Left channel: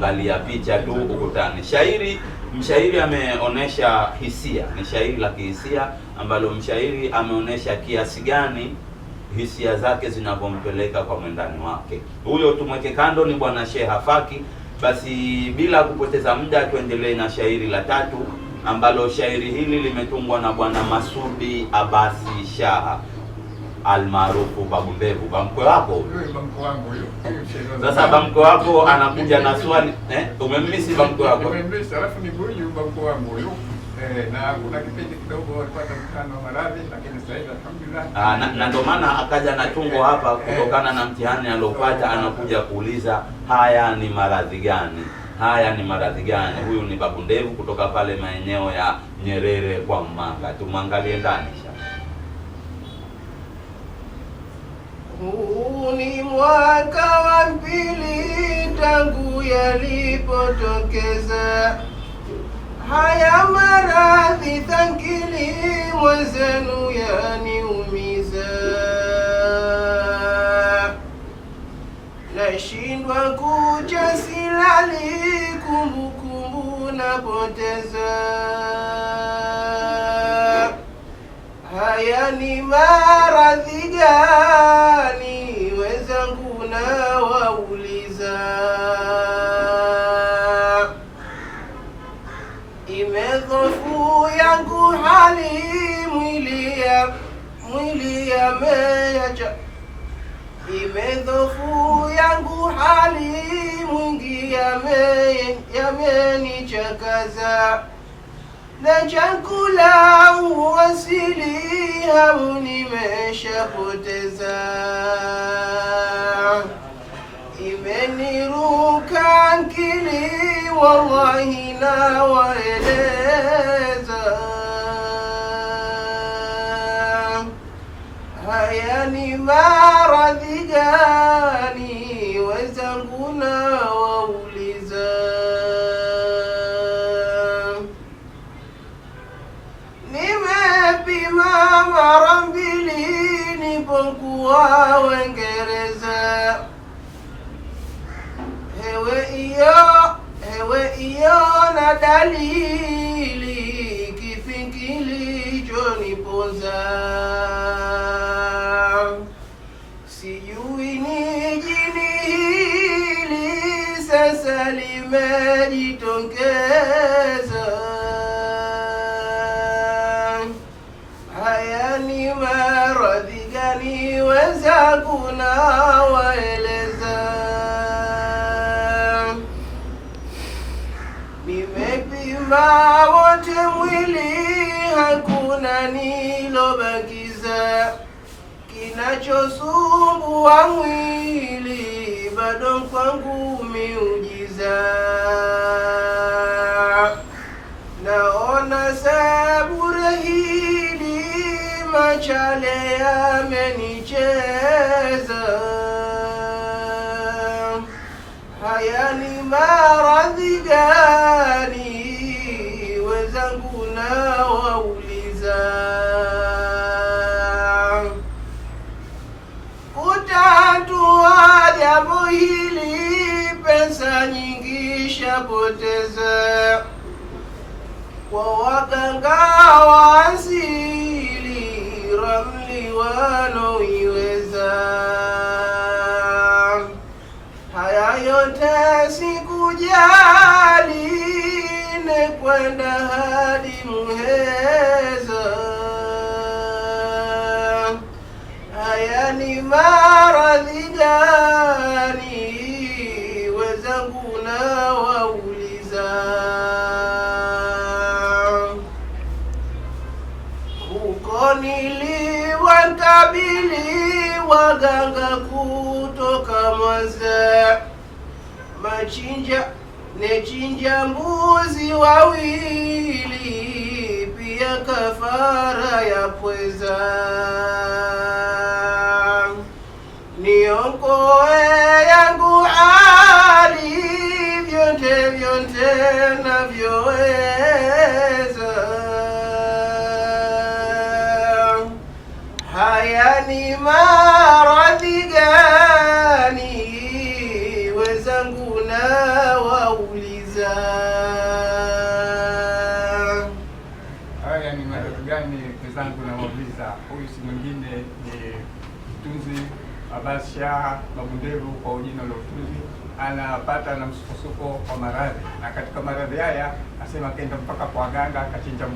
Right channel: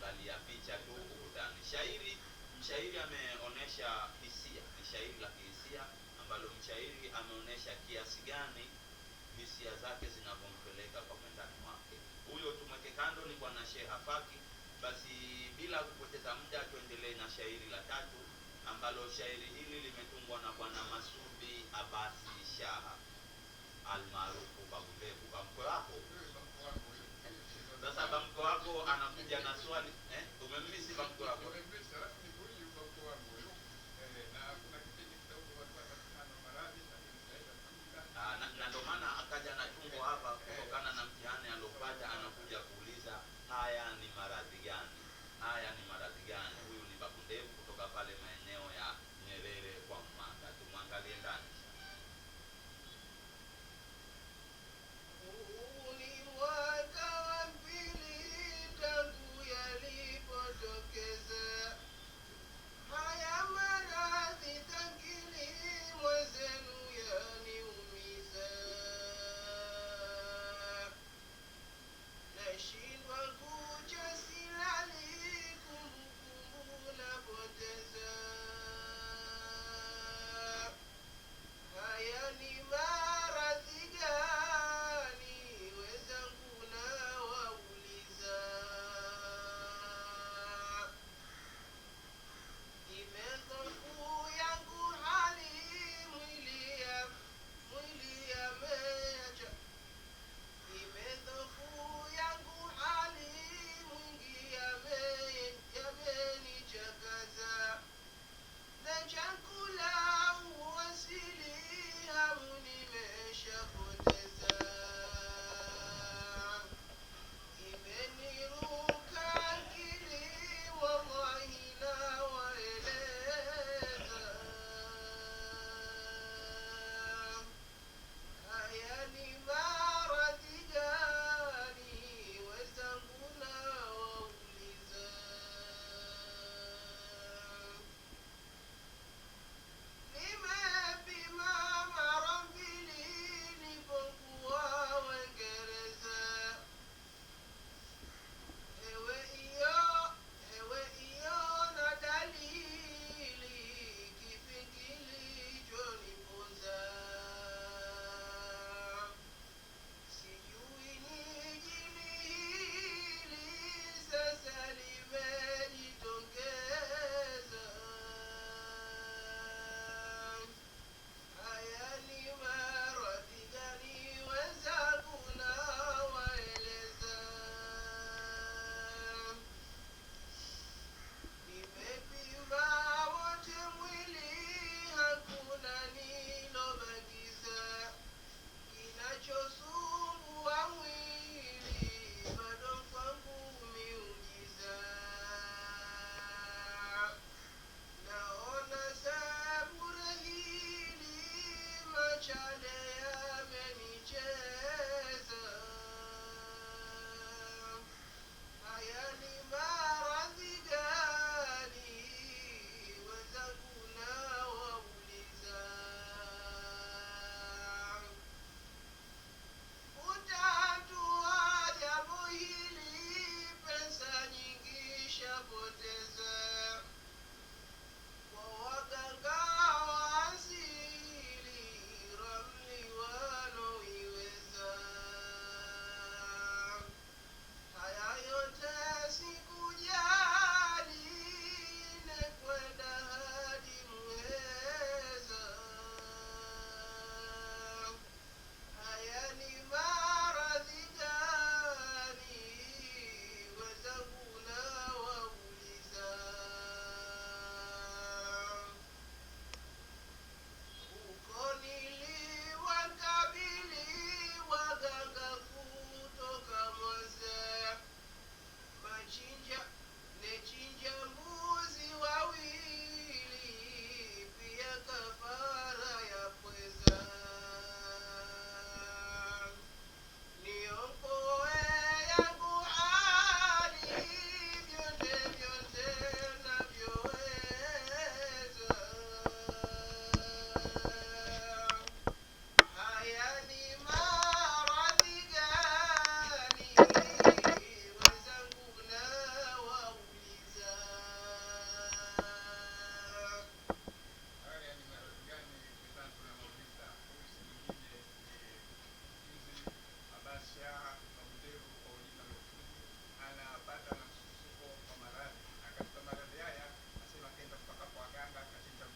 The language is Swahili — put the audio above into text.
Angalia picha tu ukutani. Mshairi ameonesha hisia, ni shairi la kihisia ambalo mshairi ameonesha kiasi gani hisia zake zinavyompeleka kwa mwendani wake. Huyo tumweke kando, ni bwana Sheha Faki. Basi bila kupoteza muda, tuendelee na shairi la tatu, ambalo shairi hili limetungwa na bwana Masudi Abasi Shaha almaarufu Babu Mbevu. Bamkwe wako sasa, bamkwe wako anakuja na swali umemmisi bamkwe wako? Umemmisi, alafu ni huyu bamkwe wangu huyu. Na kuna kipindi kidogo alipata mtihani wa maradhi, lakini sasa hivi alhamdulillah. Na ndio maana akaja na tungo hapa kutokana na mtihani aliopata, anakuja kuuliza haya ni maradhi gani? Haya ni maradhi gani? Huyu ni Babu Ndevu kutoka pale maeneo ya Nyerere kwa Mmanga. Tumwangalie ndani. Huu ni mwaka wa pili tangu yalipotokeza haya maradhi thangili, mwenzenu yaniumiza, nashindwa kucha silali, kumbukumbu napoteza. Haya ni maradhi gani? Wenzangu nawauliza. Imedhofu yangu hali, mwili yameacha. Imedhofu yangu hali, mwingi yamenichakaza, na chakula uwasili hamu nimeshapoteza. Imeniruka akili, wallahi nawaeleza. Haya ni maradhi gani? Wenzangu nawauliza. Nimepima mara mbili nipokuwa Uingereza. Hewe iyo na dalili, kipi kilichoniponza? Sijui ni jini hili sasa limejitokeza. Haya ni maradhi gani? Wenzangu nawaeleza. Nimepima wote mwili, hakuna nilobakiza. Kinachosumbua mwili bado kwangu miujiza. Naona sabure hili, machale yamenicheza. Haya ni maradhi gani? Wenzangu nawauliza. Kutatua jambo hili, pesa nyingi shapoteza, kwa waganga wa asili ramli wanoiweza. Haya yote sikujali, nekwenda hadi Muheza. Haya ni maradhi gani? Wenzangu nawauliza. Huko niliwakabili waganga kutoka Mwanza, nechinja mbuzi wawili, pia kafara ya pweza. Niokoe yangu hali, vyote navyoweza. Haya ni maradhi gani? Wenzangu nawauliza. haya ni maradhi gani? Wenzangu nawauliza, huyu si mwingine ni mtunzi Abbas Shah Babunderu kwa jina la utunzi, anapata na msukosuko wa maradhi, na katika maradhi haya asema kenda mpaka kwa waganga akachinja